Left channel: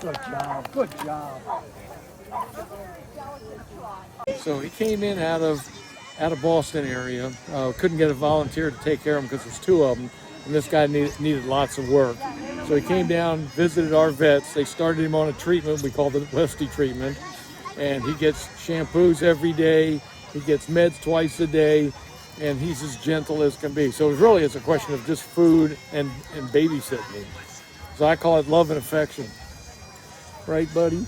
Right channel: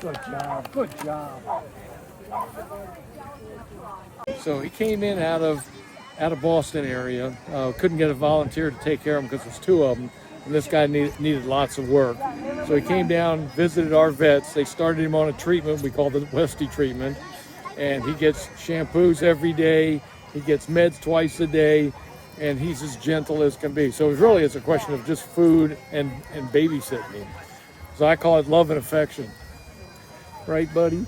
Good job, good job. So he came in out of Boston area. Couldn't get a volunteer to take care of him because there's two of them, and this guy needed lots of work. So he came down, visited our vets. They started him on a treatment we call the Westie treatment, and he gets shampoos every day. He gets meds twice a day, and he's as gentle as can be. So it really is a question of just food and babysitting him. So I call it love and affection. Right, buddy?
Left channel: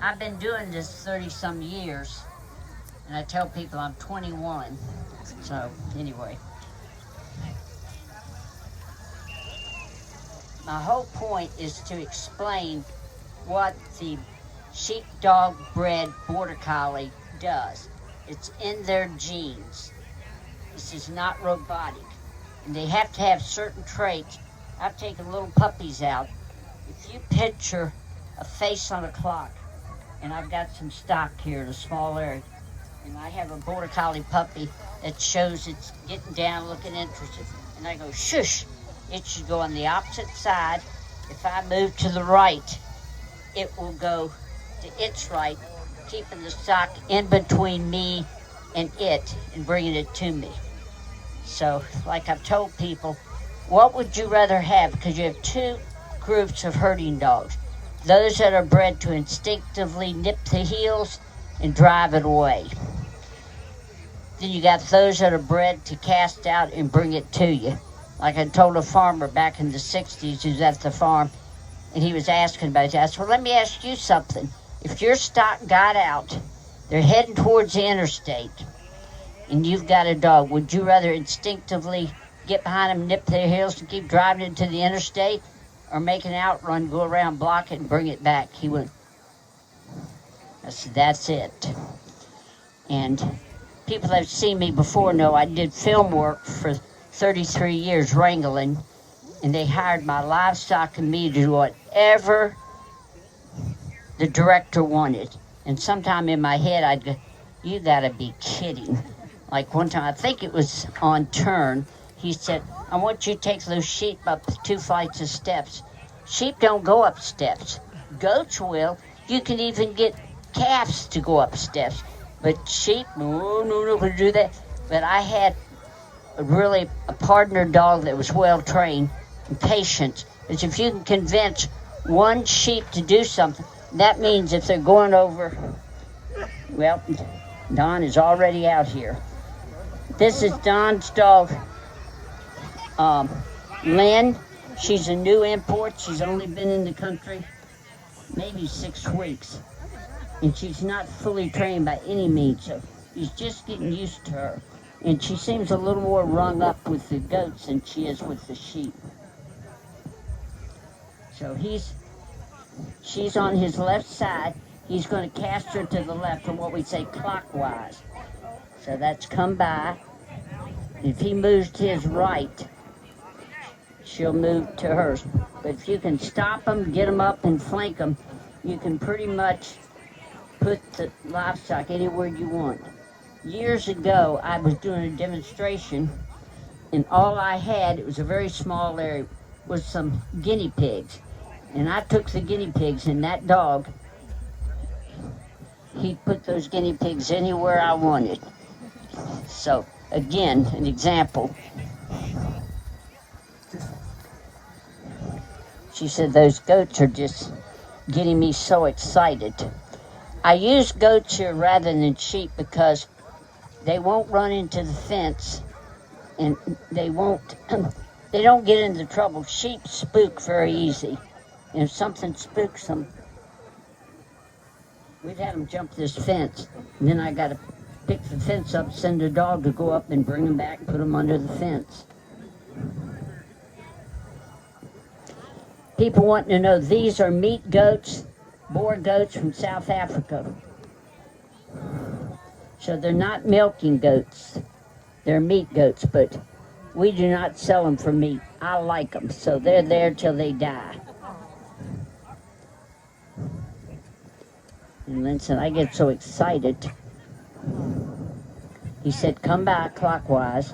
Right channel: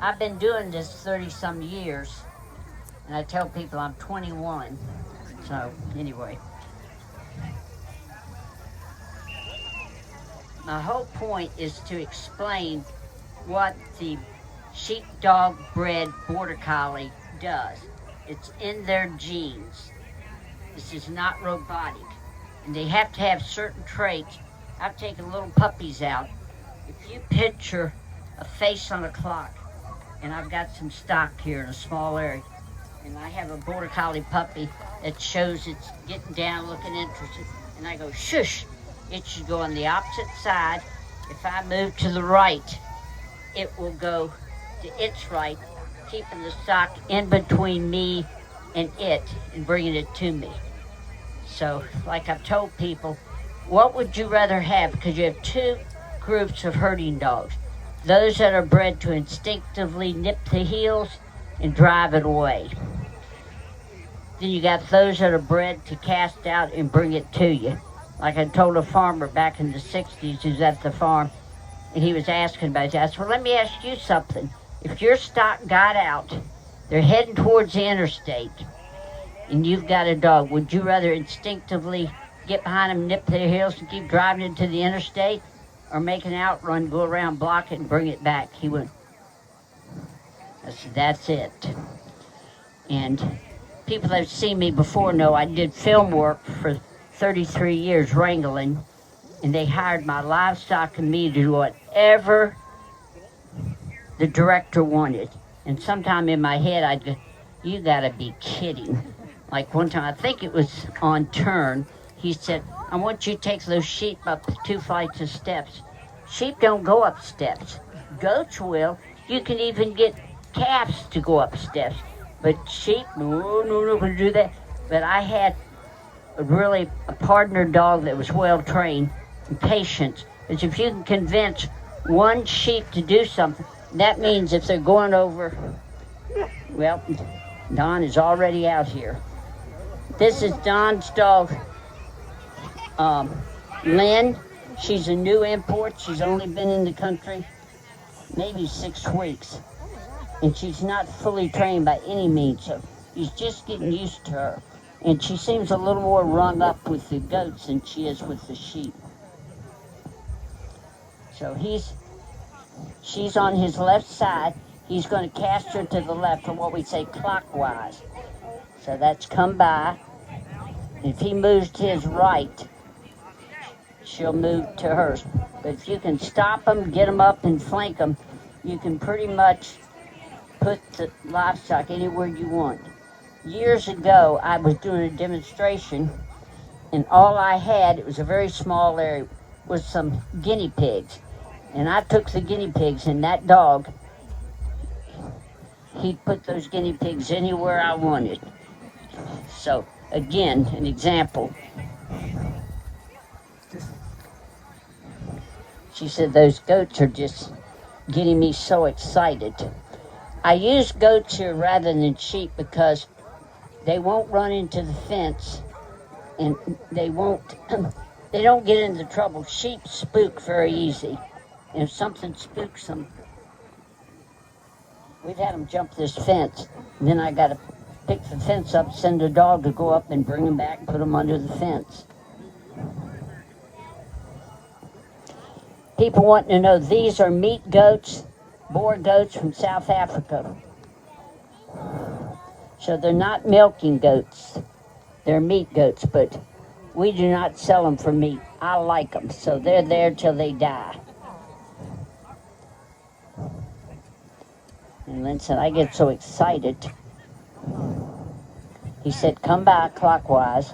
I've been doing this 30-some years, and I tell people I'm 21. So, anyway. My whole point is to explain what the sheepdog bred border collie does. It's in their genes. This is not robotic. And they have to have certain traits. I've taken little puppies out. If you picture a face on a clock, and I've got some stock here in a small area, and I have a border collie puppy that shows it's getting down, looking interested, and I go, shush, it should go on the opposite side. If I move to the right, it will go to its right, keeping the stock in between me and it and bringing it to me. So, like I've told people, what would you rather have? Because you have two groups of herding dogs. Those that are bred to instinctively nip the heels and drive it away. Then you got those that are bred to cast out and bring it to you. Like I told a farmer back in the 60s who's at the farm, and he was asking about it. I said, well, let me ask you something. If your stock got out, they're heading towards the interstate, and you've got a dog, would you rather instinctively get behind them, nip their heels, and keep driving into the interstate, or make an outrun, go around, block it, and bring it back? He went, I said, that's it. And people that have seen me before know I did film work for 33 years wrangling, and they hired my livestock and me to do whatever the director wanted. And sometime in my head I'd go, you gotta be kidding. Like one time, I think it was on Turn, he said, I want you to take those sheep up 2 flights of steps. Sheep don't go up steps. Goats will. You can even get calves to go up steps. But sheep, no, do that. But I had a partner dog that was well trained and patient. Because if you can convince one sheep to do something, that means if they're going over, well, Don is already out here. This is Don's dog, Lynn. She's a new import. She's only been in the country maybe 6 weeks. And she's not fully trained by any means, so he's just getting used to her. And she seems a little more rung up with the goats than she is with the sheep. So she's on his left side. He's going to cast her to the left from what we say clockwise. So that's come by. If he moves to his right, she'll move to hers. But if you can stop them, get them up and flank them, you can pretty much put the livestock anywhere you want. Years ago, I was doing a demonstration, and all I had, it was a very small area, was some guinea pigs. And I took the guinea pigs, and that dog, he put those guinea pigs anywhere I wanted. So, again, an example. She said, those goats are just getting me so excited. I use goats here rather than sheep because they won't run into the fence, and they don't get into trouble. Sheep spook very easy. And if something spooks them, we'd have them jump this fence. And then I got to pick the fence up, send a dog to go up and bring them back and put them under the fence. People want to know, these are meat goats, Boer goats from South Africa. So they're not milking goats, they're meat goats, but We do not sell them for meat. I like them, so they're there till they die. And Lynn said, I get so excited. He said, come back clockwise.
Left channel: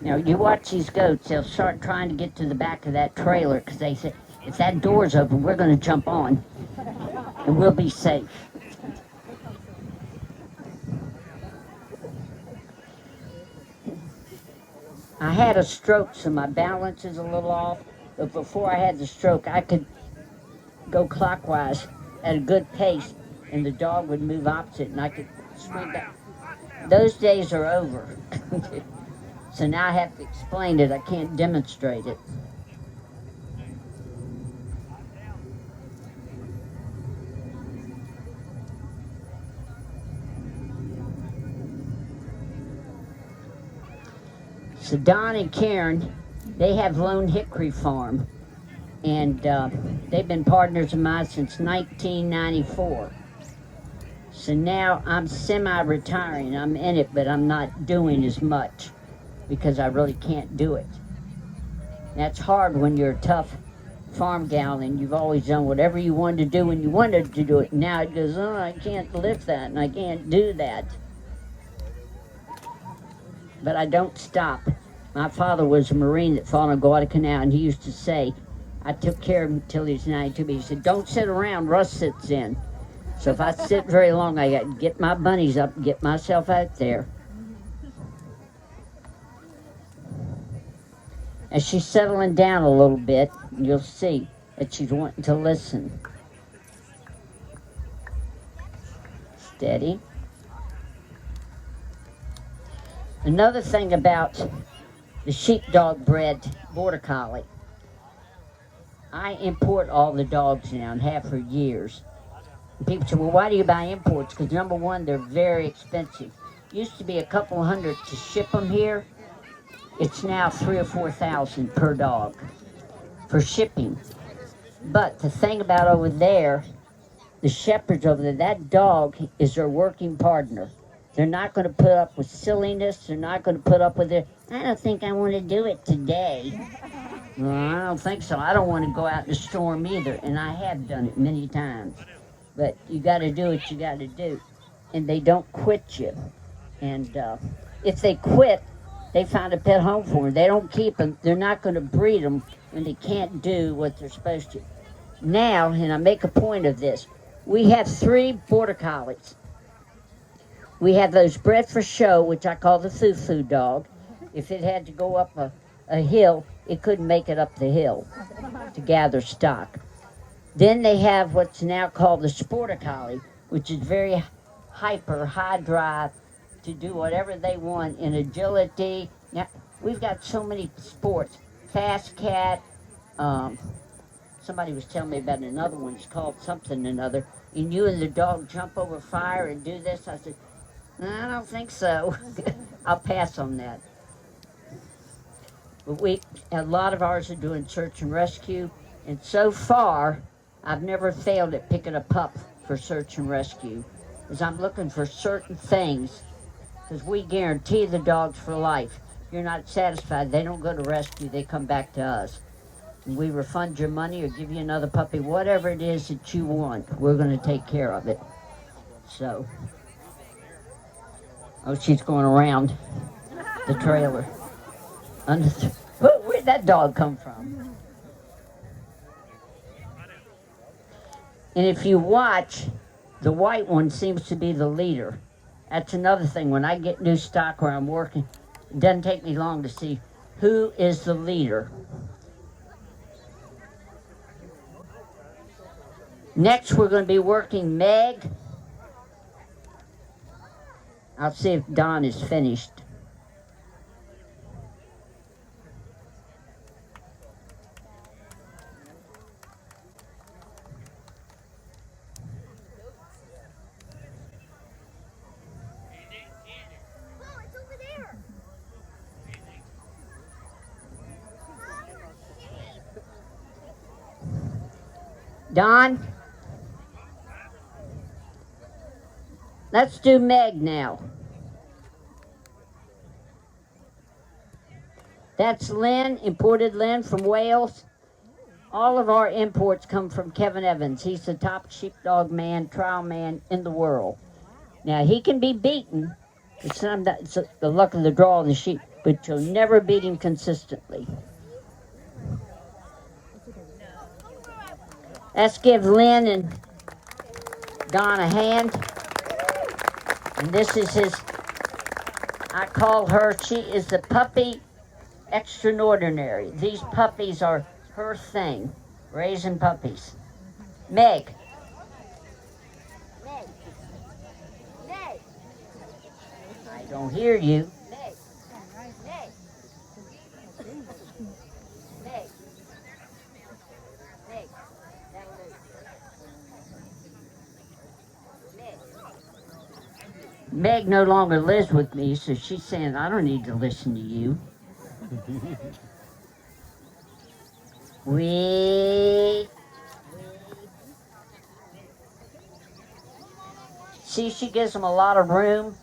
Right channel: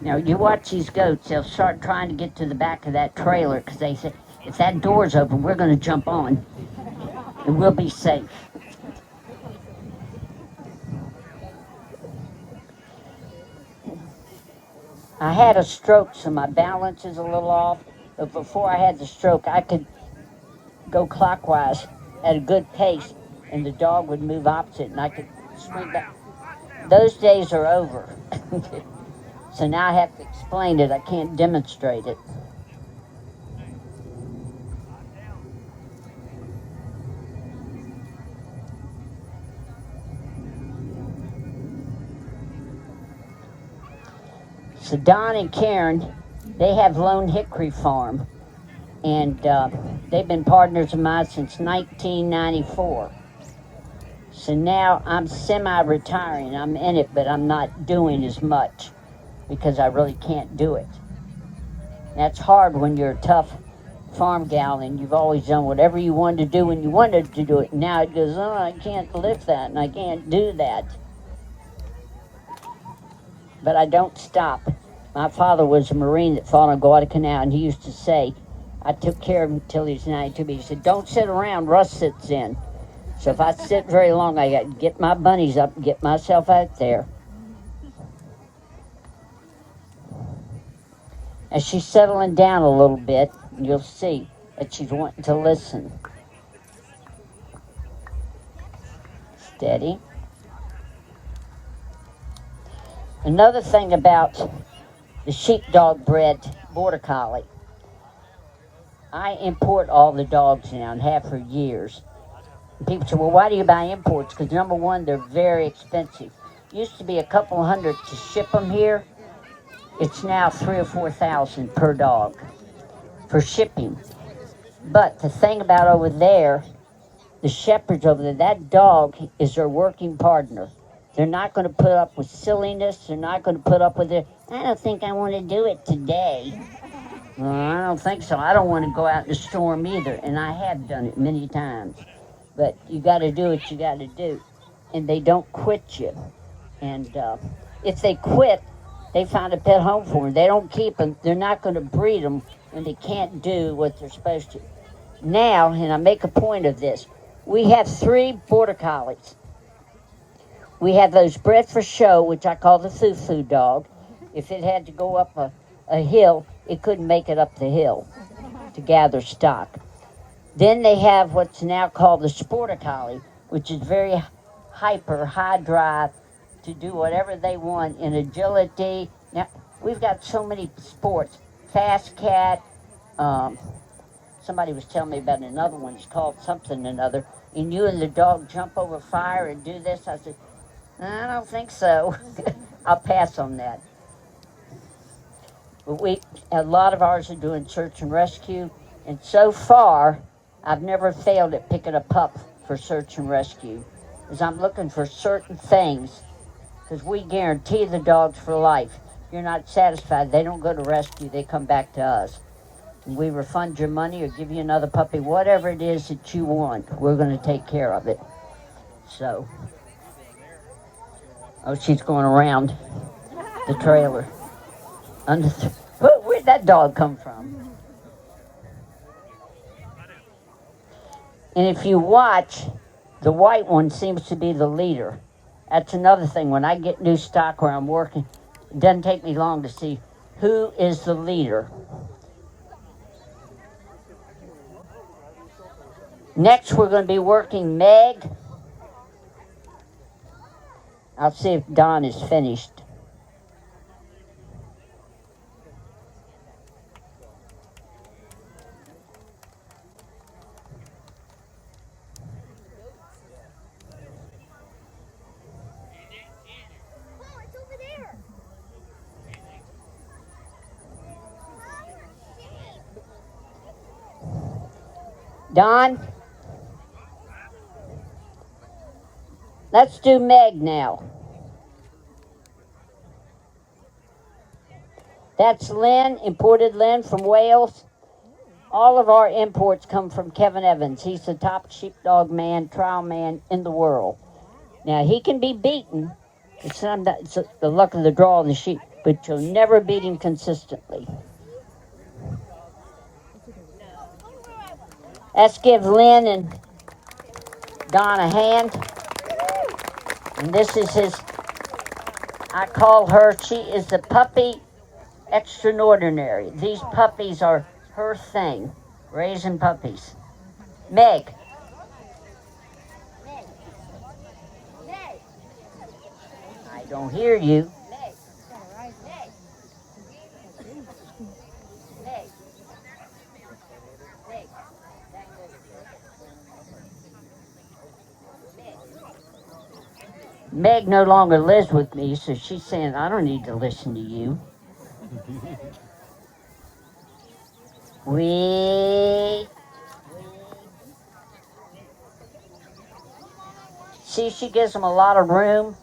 You know, you watch these goats, they'll start trying to get to the back of that trailer because they say, if that door's open, we're going to jump on and we'll be safe. I had a stroke, so my balance is a little off, but before I had the stroke, I could go clockwise at a good pace and the dog would move opposite and I could swing back. Those days are over. So now I have to explain it. I can't demonstrate it. So Don and Cairn, they have Lone Hickory Farm, and they've been partners of mine since 1994. So now I'm semi-retiring. I'm in it, but I'm not doing as much because I really can't do it. That's hard when you're a tough farm gal and you've always done whatever you wanted to do when you wanted to do it. Now it goes, oh, I can't lift that and I can't do that. But I don't stop. My father was a Marine that fought on Guadalcanal, and he used to say, I took care of him until he was 92, but he said, don't sit around, Russ sits in. So if I sit very long, I got to get my bunnies up and get myself out there. As she's settling down a little bit, you'll see that she's wanting to listen. Steady. Another thing about the sheepdog bred border collie, I import all the dogs now and have for years. And people say, well, why do you buy imports? Because number one, they're very expensive. Used to be a couple hundred to ship them here. It's now $3,000 or $4,000 per dog for shipping. But the thing about over there, the shepherds over there, that dog is their working partner. They're not going to put up with silliness. They're not going to put up with it. I don't think I want to do it today. Well, I don't think so. I don't want to go out in the storm either. And I have done it many times. But you got to do what you got to do. And they don't quit you. And if they quit, they found a pet home for them. They don't keep them. They're not going to breed them when they can't do what they're supposed to. Now, and I make a point of this, we have 3 border collies. We have those bred for show, which I call the foo-foo dog. If it had to go up a hill, it couldn't make it up the hill to gather stock. Then they have what's now called the sporter collie, which is very hyper, high drive, to do whatever they want in agility. Now, we've got so many sports. Fast cat. Somebody was telling me about another one. It's called something or another. And you and the dog jump over fire and do this. I said, I don't think so. I'll pass on that. But a lot of ours are doing search and rescue. And so far, I've never failed at picking a pup for search and rescue. Because I'm looking for certain things. Because we guarantee the dogs for life. If you're not satisfied, they don't go to rescue, they come back to us. And we refund your money or give you another puppy, whatever it is that you want, we're going to take care of it. So, oh, she's going around the trailer. Where'd that dog come from? And if you watch, the white one seems to be the leader. That's another thing. When I get new stock where I'm working, it doesn't take me long to see who is the leader. Next, we're going to be working Meg. I'll see if Don is finished. Don, let's do Meg now. That's Lynn, imported Lynn from Wales. All of our imports come from Kevin Evans. He's the top sheepdog man, trial man in the world. Now, he can be beaten. It's the luck of the draw of the sheep, but you'll never beat him consistently. Let's give Lynn and Don a hand. And this is his, I call her, she is the puppy extraordinary. These puppies are her thing, raising puppies. Meg. Meg. Meg. I don't hear you. Meg. Meg. Meg. Meg. Meg. Meg no longer lives with me, so she's saying, I don't need to listen to you. See, she gives them a lot of room.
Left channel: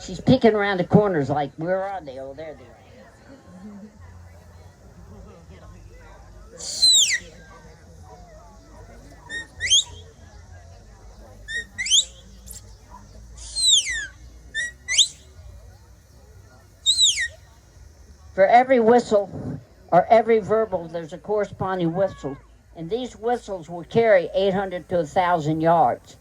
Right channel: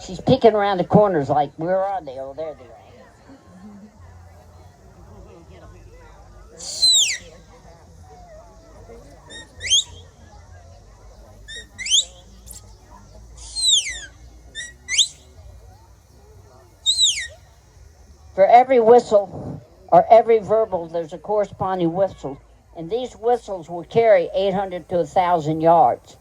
She's peeking around the corners like, where are they? Oh, there they are. For every whistle or every verbal, there's a corresponding whistle. And these whistles will carry 800 to 1,000 yards.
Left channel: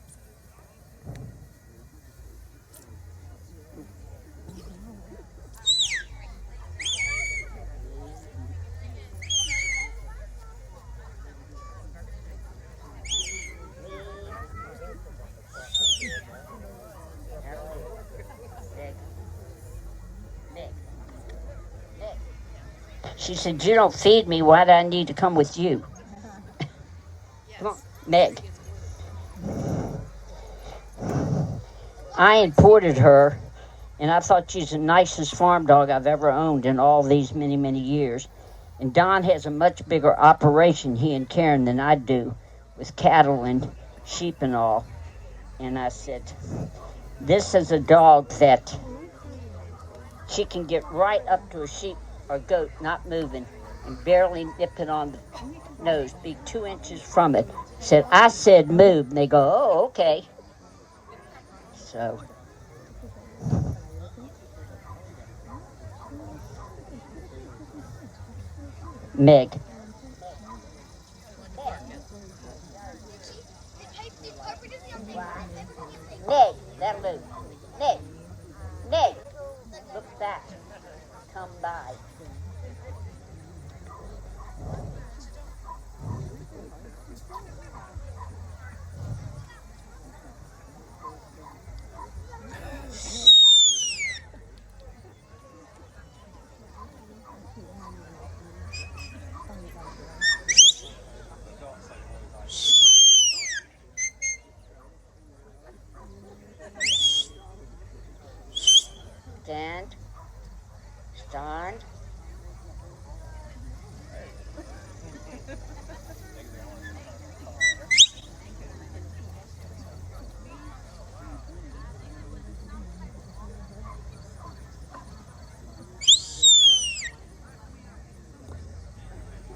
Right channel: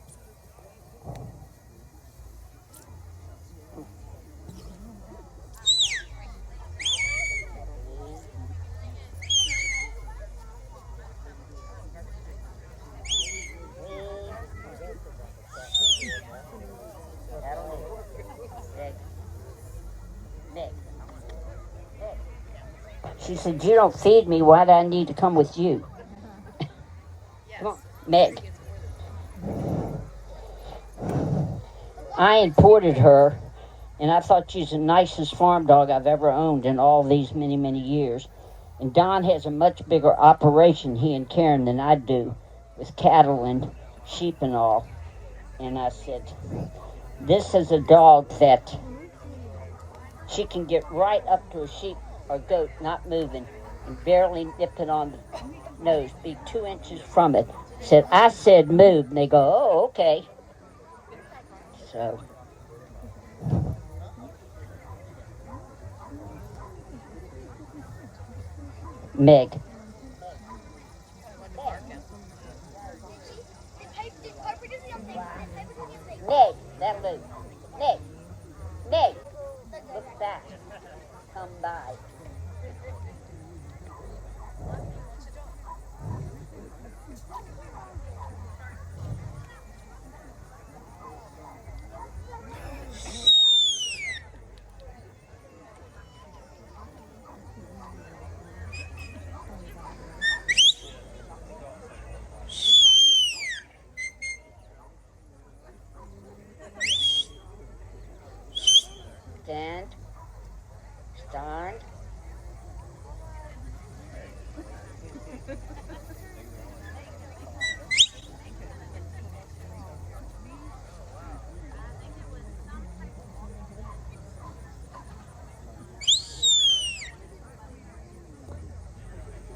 She said, you don't feed me, why do I need to come with you? Come on, Meg. I imported her, and I thought she's the nicest farm dog I've ever owned in all these many, many years. And Don has a much bigger operation, he and Cairn, than I do, with cattle and sheep and all. And I said, this is a dog that she can get right up to a sheep or goat not moving and barely nip it on the nose, be 2 inches from it. I said move, and they go, oh, okay. So Meg. Meg, that move. Meg. Meg. Look back. Come by. Stand. Stand.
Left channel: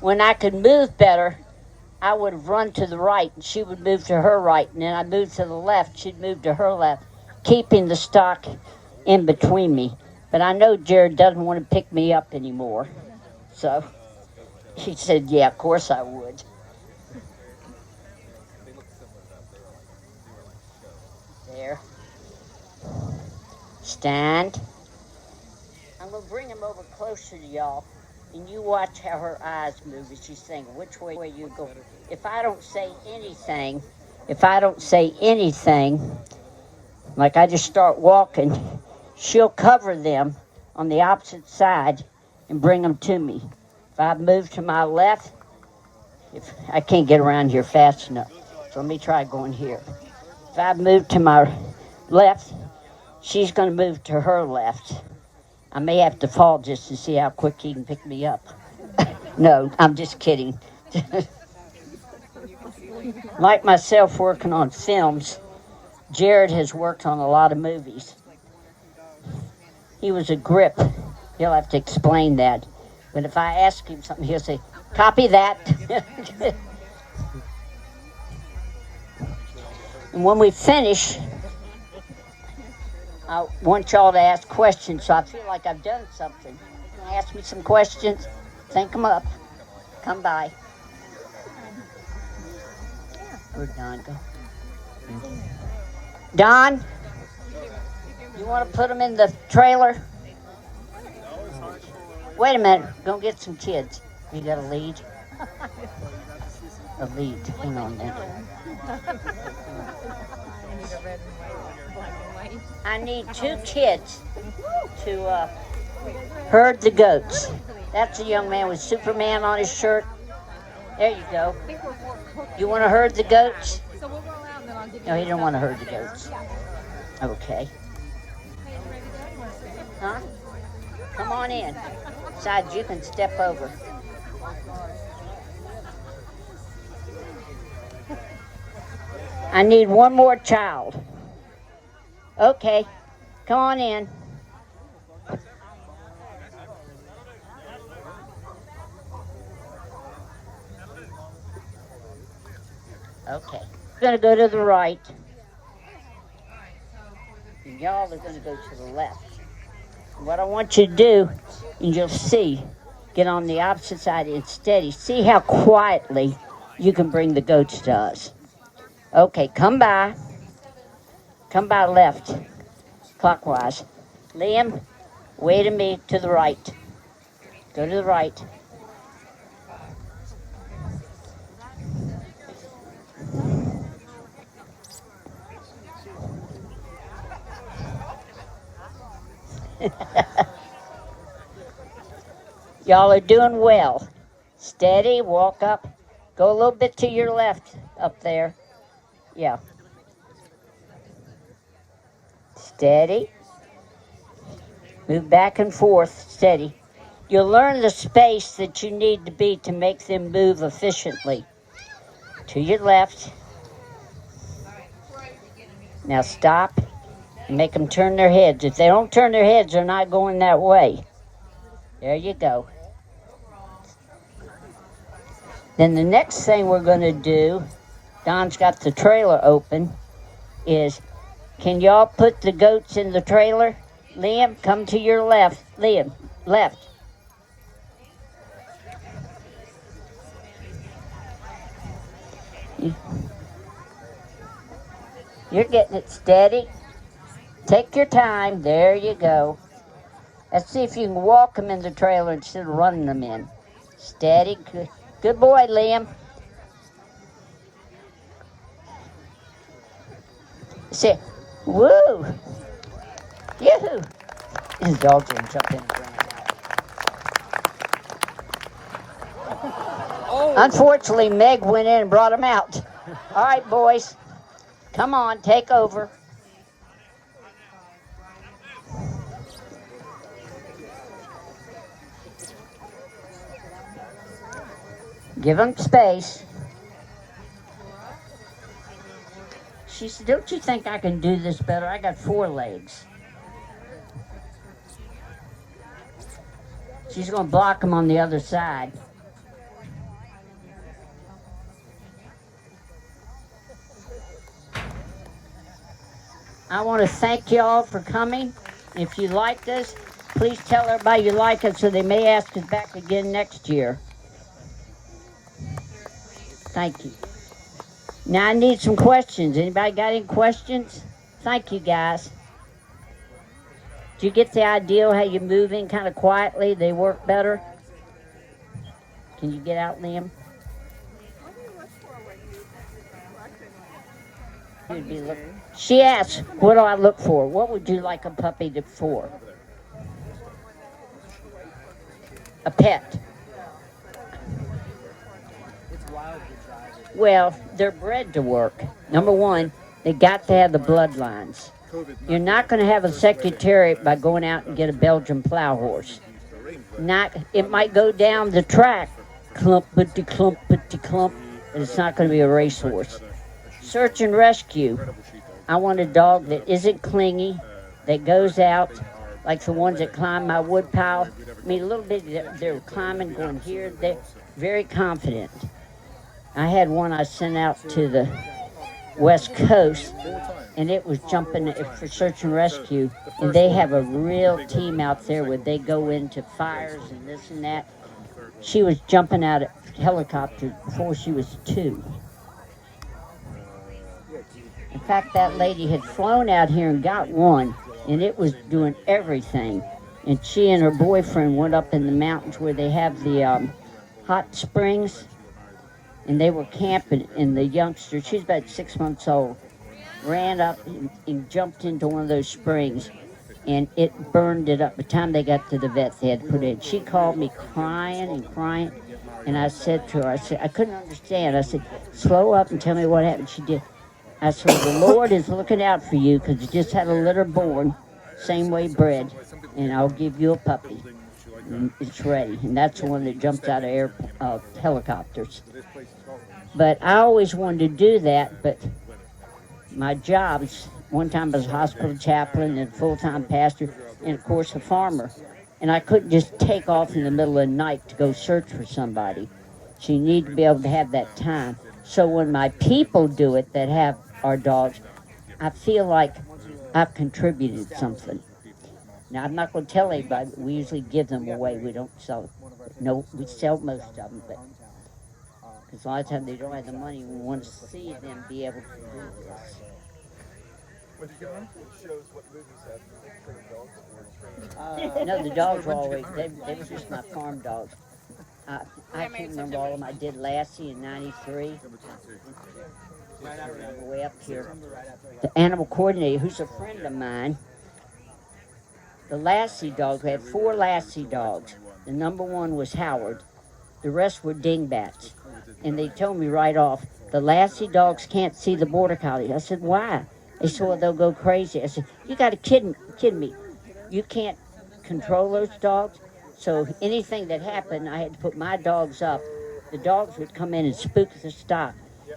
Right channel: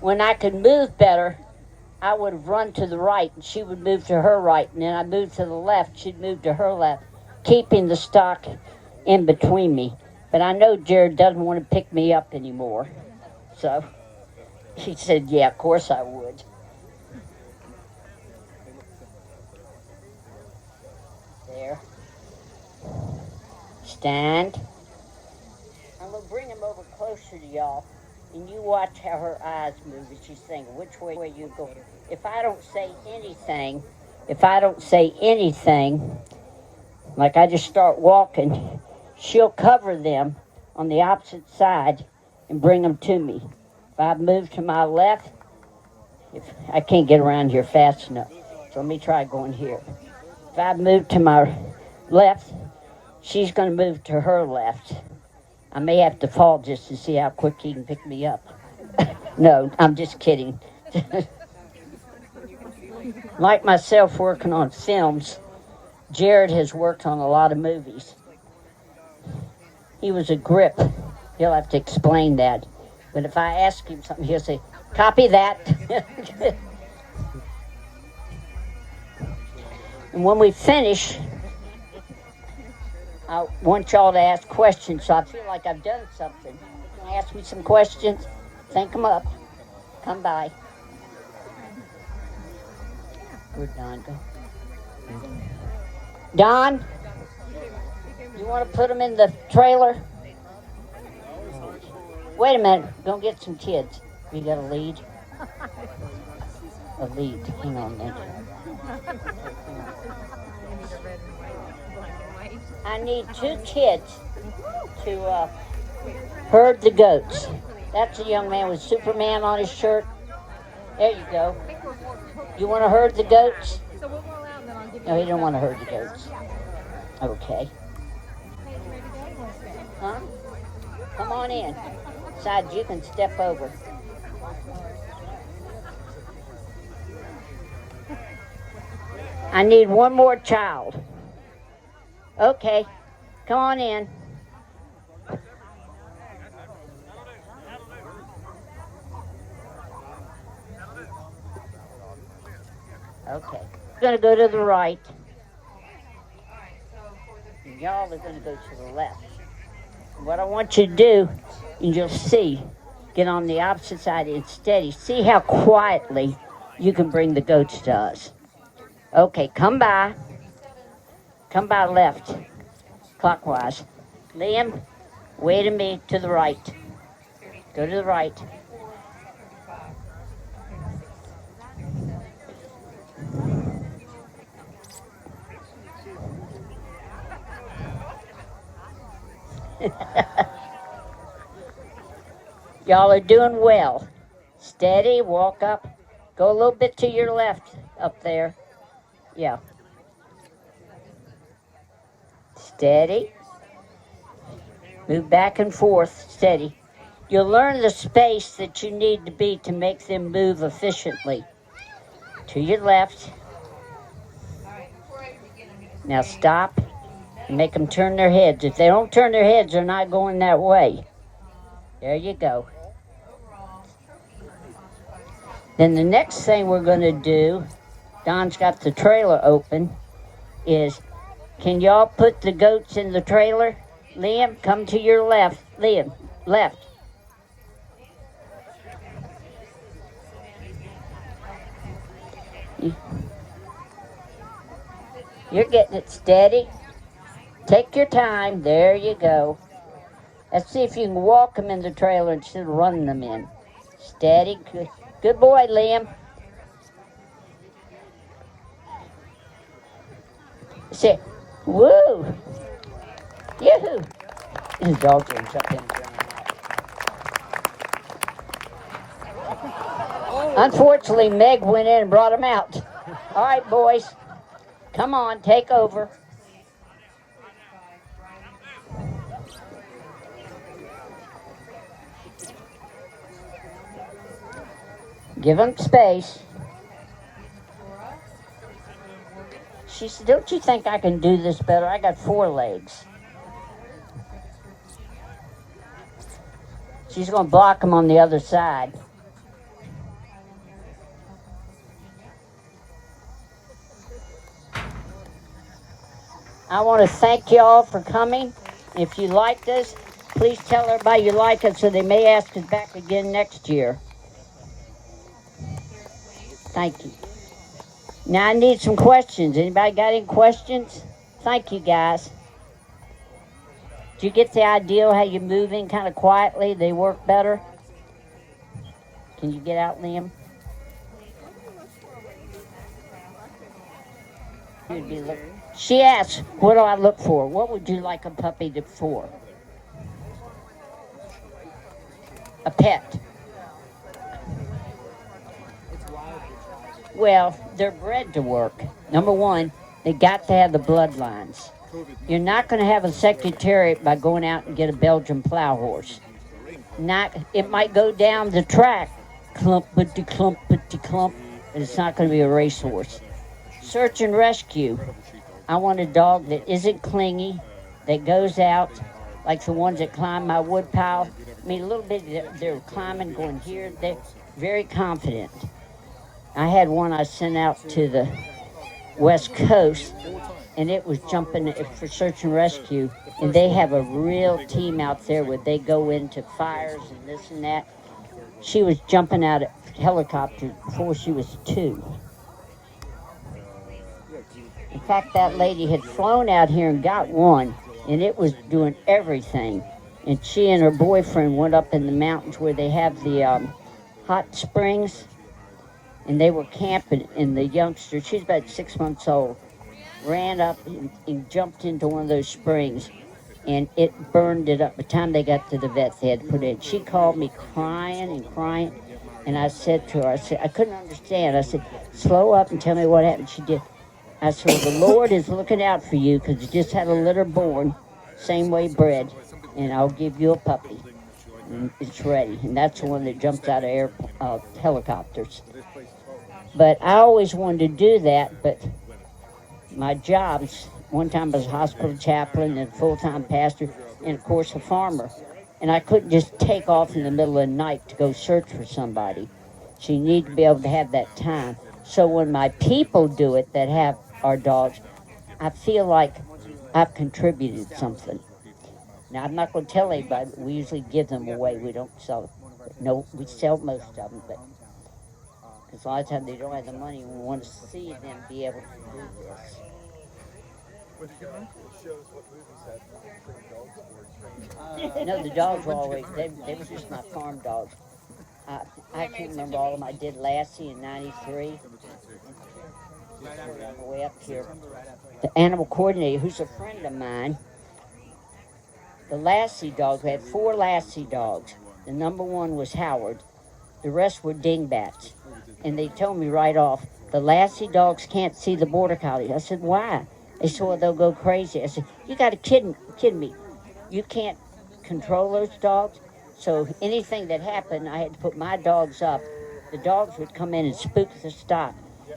When I could move better, I would have run to the right and she would move to her right, and then I moved to the left, she'd move to her left, keeping the stock in between me. But I know Jared doesn't want to pick me up anymore. So she said, yeah, of course I would. There. Stand. I'm going to bring him over closer to y'all, and you watch how her eyes move as she's saying, which way you go. If I don't say anything, like I just start walking, she'll cover them on the opposite side and bring them to me. If I move to my left, if I can't get around here fast enough, So let me try going here. If I move to my left, she's going to move to her left. I may have to fall just to see how quick he can pick me up. No, I'm just kidding. Like myself working on films, Jared has worked on a lot of movies. He was a grip. He'll have to explain that. But if I ask him something, he'll say, copy that. And when we finish, I want y'all to ask questions, so I feel like I've done something. Ask me some questions, think them up, come by. Good, Don, you want to put them in the trailer? Wait a minute, go get some kids. You got a lead? A lead. I need 2 kids to herd the goats. That's a young man with Superman on his shirt. There you go. You want to herd the goats? No, he didn't want to herd the goats. Okay. Huh? Come on in. Besides, you can step over. I need one more child. Okay, come on in. Okay, we're gonna go to the right. And y'all are gonna go to the left. And what I want you to do, and you'll see, get on the opposite side and steady. See how quietly you can bring the goats to us. Okay, come by. Come by left, clockwise. Liam, wait a me to the right. Go to the right. Y'all are doing well. Steady, walk up. Go a little bit to your left up there. Yeah. Steady. Move back and forth, steady. You'll learn the space that you need to be to make them move efficiently. To your left. Now stop and make them turn their heads. If they don't turn their heads, they're not going that way. There you go. Then the next thing we're going to do, Don's got the trailer open, is can y'all put the goats in the trailer? Liam, come to your left. Liam, left. You're getting it steady. Take your time. There you go. Let's see if you can walk them in the trailer instead of running them in. Steady. Good boy, Liam. Say, woo! Yoo-hoo! His dog's gonna jump in. Unfortunately, Meg went in and brought him out. All right, boys. Come on, take over. Give him space. She said, don't you think I can do this better? I got 4 legs. She's going to block him on the other side. I want to thank you all for coming. If you liked us, please tell everybody you like us so they may ask us back again next year. Thank you. Now I need some questions. Anybody got any questions? Thank you, guys. Do you get the idea how you move in kind of quietly? They work better? Can you get out, Liam? What do you look for when you watching? She asked, what do I look for? What would you like a puppy to for? A pet. It's wild to drive it. Well, they're bred to work. Number one, they got to have the bloodlines. You're not going to have a secretariat by going out and get a Belgian plow horse. It might go down the track, clumpity clumpity clump, but it's not going to be a racehorse. Search and rescue. I want a dog that isn't clingy, that goes out like the ones that climb my wood pile. I mean, a little bit, they're climbing, going here. They're very confident. I had one I sent out to the West Coast, and it was jumping for search and rescue. And they have a real team out there where they go into fires and this and that. She was jumping out of helicopter before she was 2. In fact, that lady had flown out here and got one, and it was doing everything. And she and her boyfriend went up in the mountains where they have the hot springs, and they were camping, and the youngster, she's about 6 months old, ran up and jumped into one of those springs, and it burned it up. By the time they got to the vet, they had to put it in. She called me crying and crying, and I said to her, I couldn't understand. I said, slow up and tell me what happened. She did. I said, the Lord is looking out for you because you just had a litter born, same way bred, and I'll give you a puppy. And it's ready. And that's the one that jumped out of helicopters. But I always wanted to do that, but my jobs, one time I was a hospital chaplain and full-time pastor, and of course a farmer. And I couldn't just take off in the middle of the night to go search for somebody. So you need to be able to have that time. So when my people do it that have our dogs, I feel like I've contributed something. Now, I'm not going to tell anybody, but we usually give them away. We don't sell. No, we sell most of them, but because a lot of times they don't have the money. We want to see them be able to do this. Which shows what movies have trained dogs or trained. No, the dogs were always, they were just my farm dogs. I can't remember all of them. I did Lassie in 93. Way up here. The animal coordinator, who's a friend of mine, the Lassie dogs, we had 4 Lassie dogs. The number 1 was Howard. The rest were dingbats. And they told me right off, the Lassie dogs can't see the border collies. I said, why? They said, well, they'll go crazy. I said, you got to kid me. You can't control those dogs. So anything that happened, I had to put my dogs up. The dogs would come in and spook the stock.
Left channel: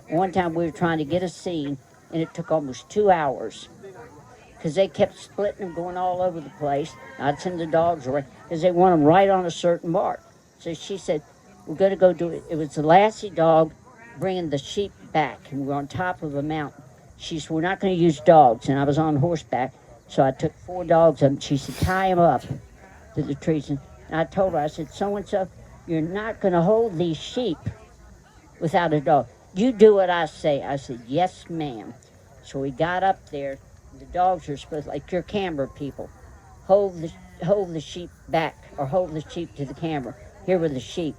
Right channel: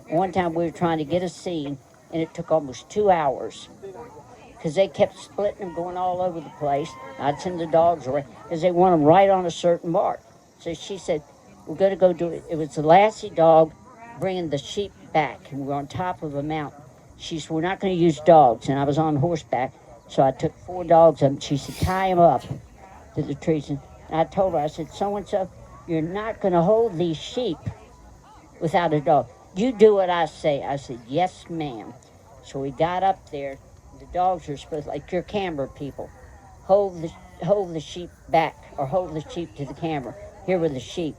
One time we were trying to get a scene, and it took almost 2 hours because they kept splitting and going all over the place. I'd send the dogs away because they want them right on a certain mark. So she said, we're going to go do it. It was the Lassie dog bringing the sheep back, and we were on top of a mountain. She said, we're not going to use dogs, and I was on horseback, so I took 4 dogs up, and she said, tie them up to the trees. And I told her, I said, so-and-so, you're not going to hold these sheep without a dog. You do what I say. I said, yes, ma'am. So we got up there. The dogs are supposed, like your camera people, hold the sheep back or hold the sheep to the camera. Here were the sheep.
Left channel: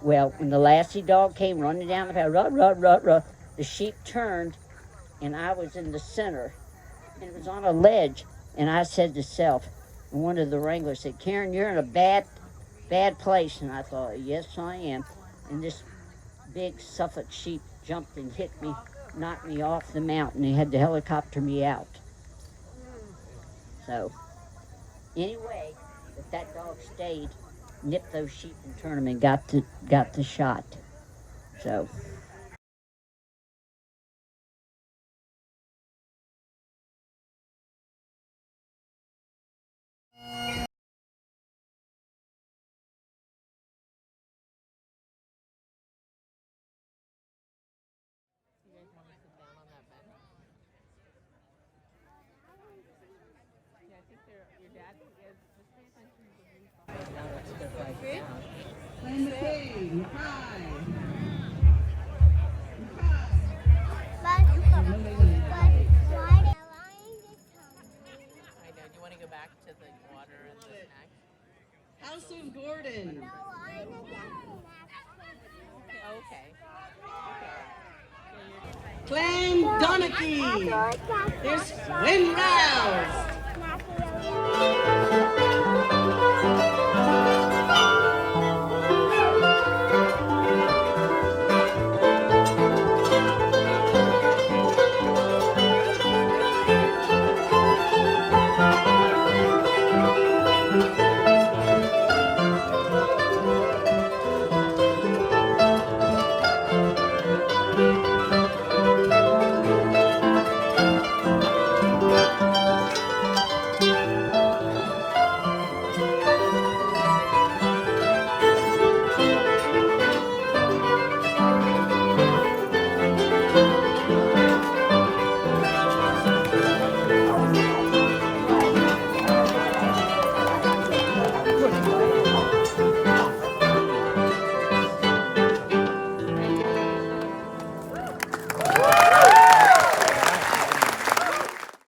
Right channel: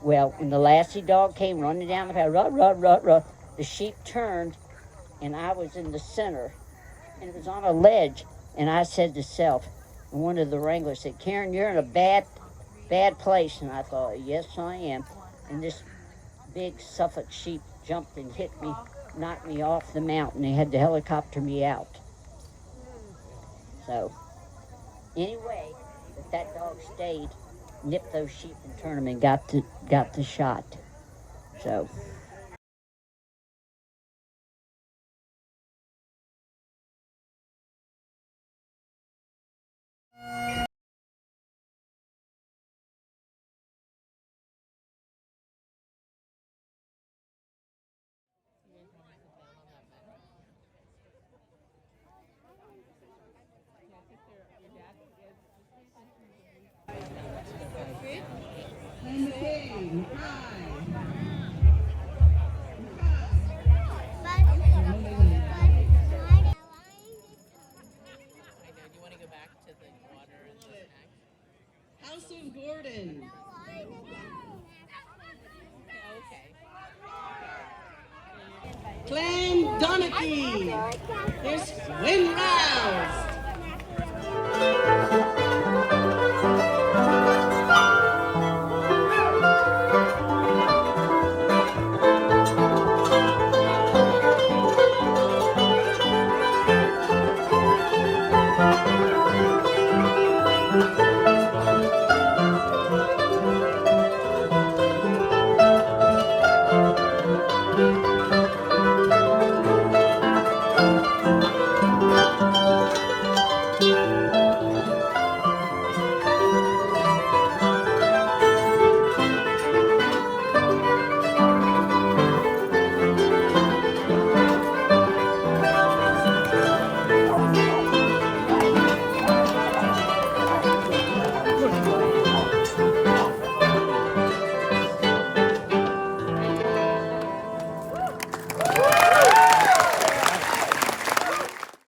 Well, when the Lassie dog came running down the path, the sheep turned, and I was in the center, and it was on a ledge. And I said to self, one of the wranglers said, Cairn, you're in a bad place. And I thought, yes, I am. And this big Suffolk sheep jumped and hit me, knocked me off the mountain. They had to helicopter me out. So, anyway, if that dog stayed, nipped those sheep and turned them and got the shot. So. House of Gordon. Clan Donachie. There's Wind Roused.